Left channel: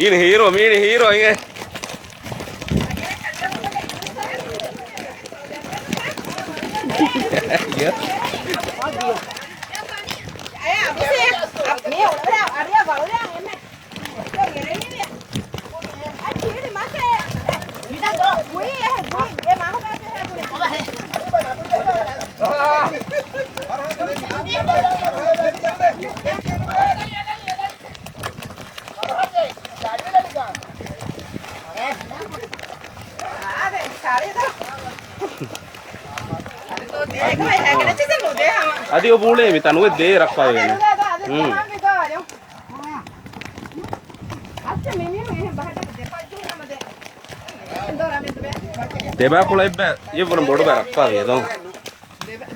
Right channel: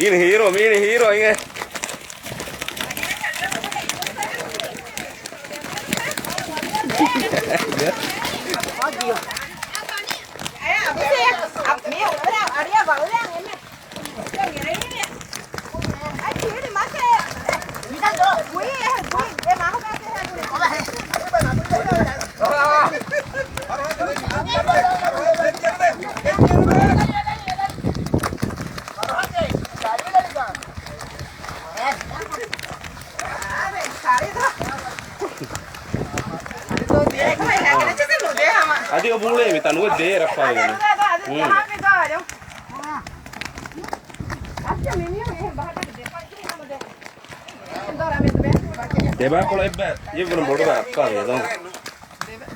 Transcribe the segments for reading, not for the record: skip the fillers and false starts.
Ini hero ini. Iya. Adi o bule mi tanu de rakpa de ne. Deba ko lai ba ye bun bodu ba rakpa de don.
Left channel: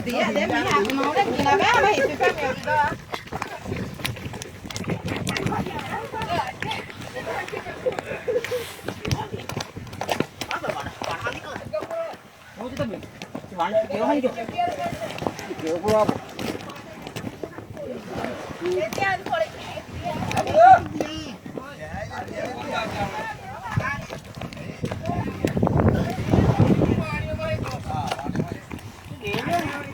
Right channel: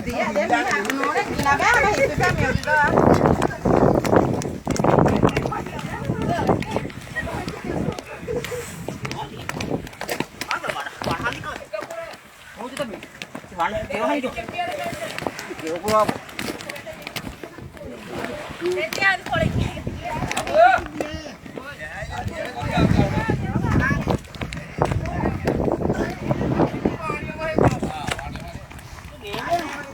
Dia de mi ha no ne kina ba ma hi pe pa mi do.